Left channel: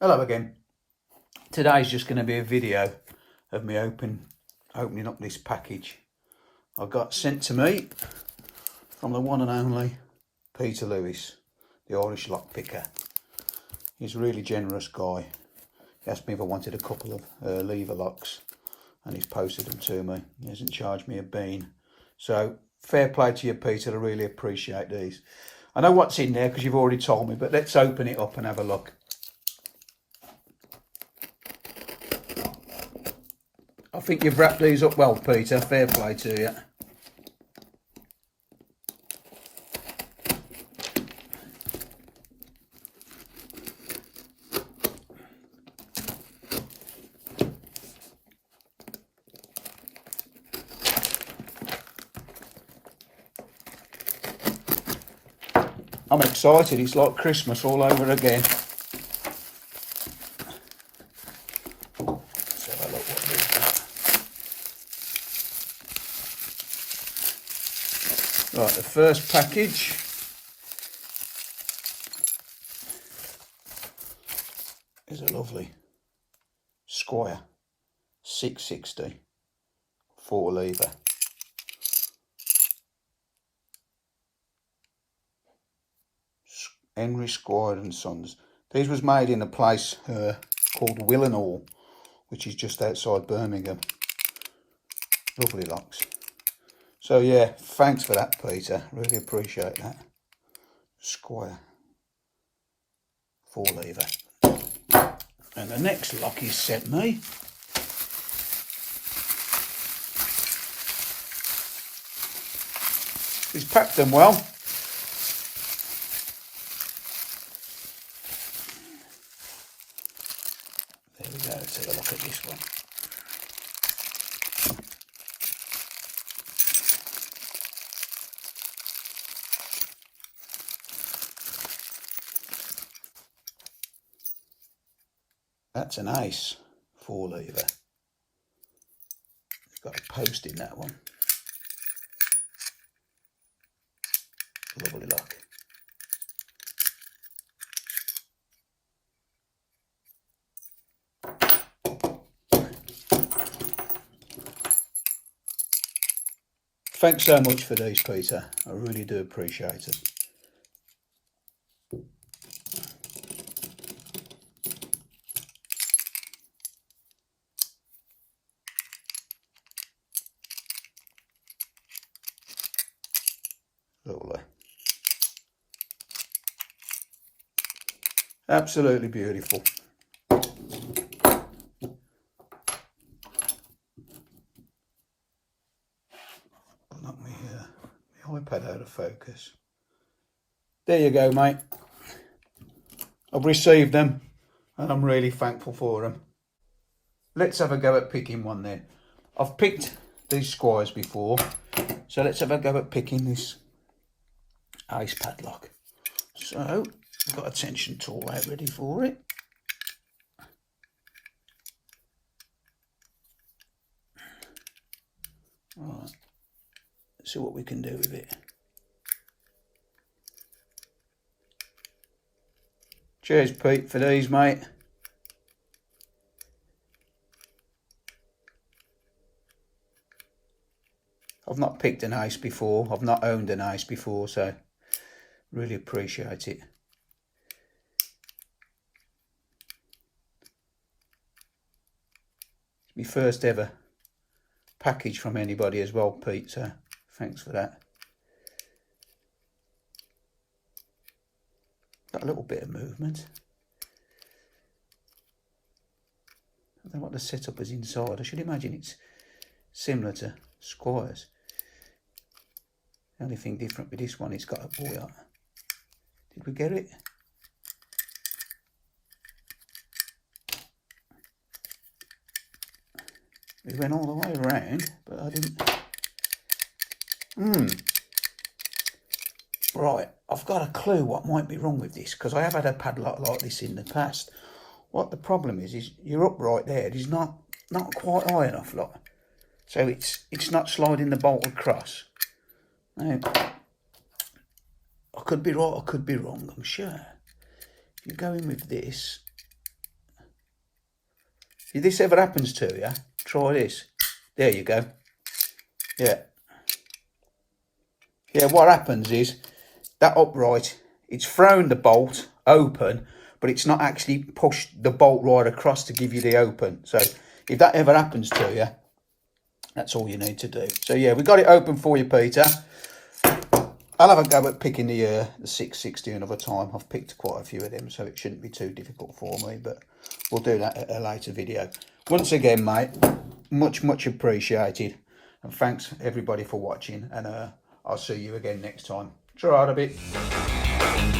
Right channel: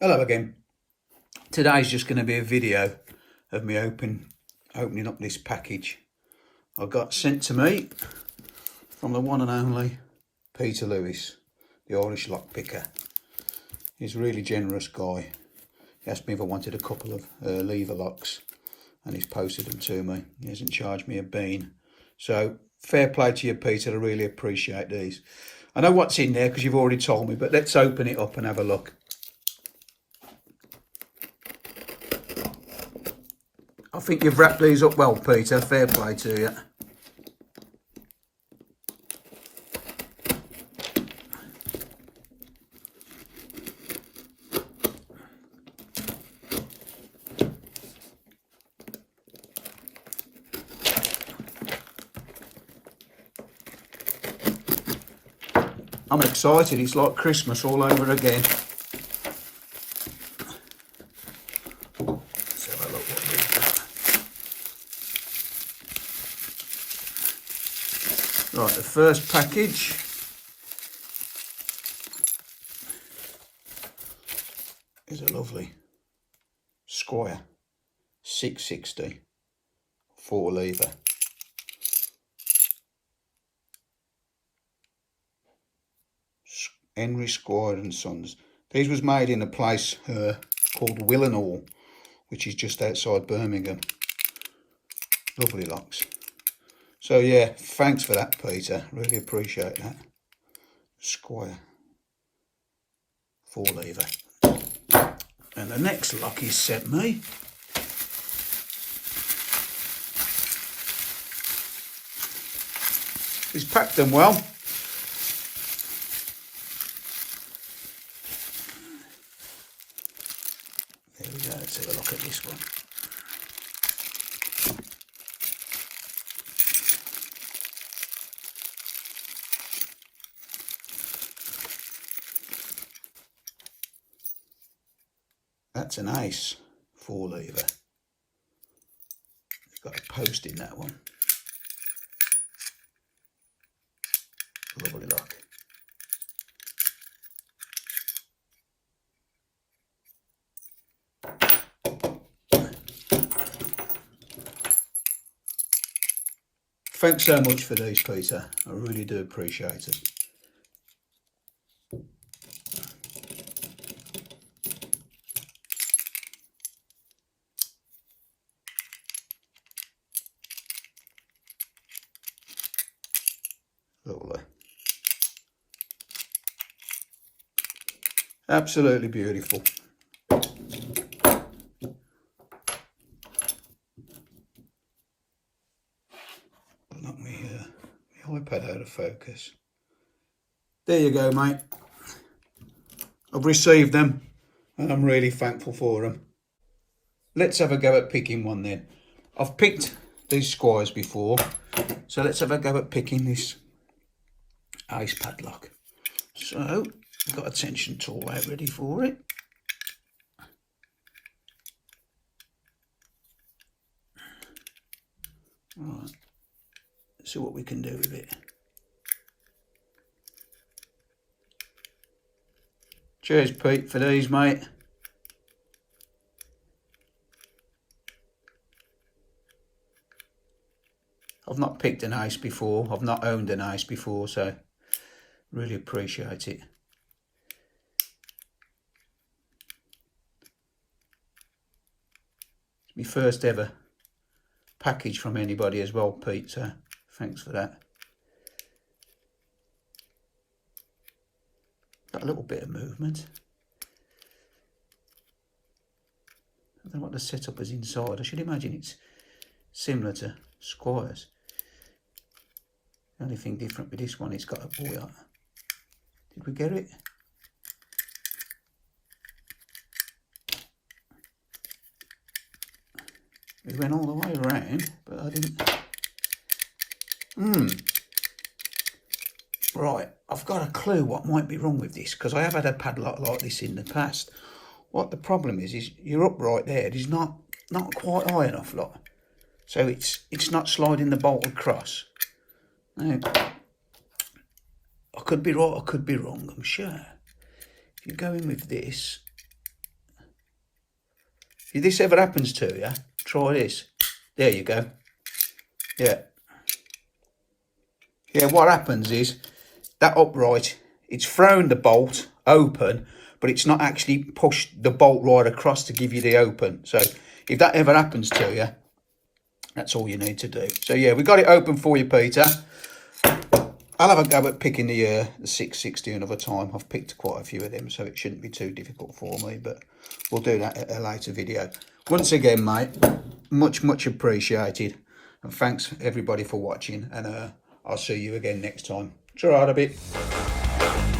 Hello again. Today's just going to be a video of me opening up this package I got sent to me from the one and only Peter Lewis, the Irish lockpicker. He's a really generous guy. He asked me if I wanted a couple of lever locks and he's posted them to me. He hasn't charged me a bean. So fair play to you, Peter. I really appreciate these. I know what's in there because you've already told me, but let's open it up and have a look. I think you've wrapped these up well, Peter. Fair play to you. I'm excited. It's like Christmas all over again. Let's have a look what we've got. Right, the first package is a lovely Squire 660 4 lever. Henry Squire and Sons. These was made in a place called Willenhall, which is just outside Birmingham. Lovely locks. So yeah, thanks for that, Peter. Really appreciate that. Squire 4 lever. And the next lock he sent me he's packed them well. There we go, let's have a look at this one. That's an ace 4 lever. It's got a post in that one. Lovely lock. Thanks so much for these, Peter. I really do appreciate it. Lovely. Absolutely beautiful. Knock my iPad out of focus. There you go, mate. I've received them and I'm really thankful for them. Let's have a go at picking one then. I've picked these Squires before, so let's have a go at picking this ace padlock. So I've got a tension tool out ready for it. Right, let's see what we can do with it. Cheers, Pete, for these, mate. I've not picked an ace before. I've not owned an ace before, so really appreciate it. It's my first ever package from anybody as well, Pete, so thanks for that. Got a little bit of movement. I don't know what the setup is inside. I should imagine it's similar to Squire's. The only thing different with this one, it's got a buoy on. Did we get it? We went all the way around, but I didn't. Right, I've got a clue what might be wrong with this, because I have had a padlock like this in the past. What the problem is you're up right there. It is not quite high enough, look. So it's not sliding the bolt across. Now, I could be right, I could be wrong, I'm sure. If you go in with this, If this ever happens to you, try this. There you go. Yeah. Yeah, what happens is that upright, it's thrown the bolt open, but it's not actually pushed the bolt right across to give you the open. So if that ever happens to you, that's all you need to do. So yeah, we got it open for you, Peter. I'll have a go at picking the 660 another time. I've picked quite a few of them, so it shouldn't be too difficult for me, but we'll do that at a later video. Once again, mate, much appreciated. And thanks everybody for watching, and I'll see you again next time. It's all right, a bit.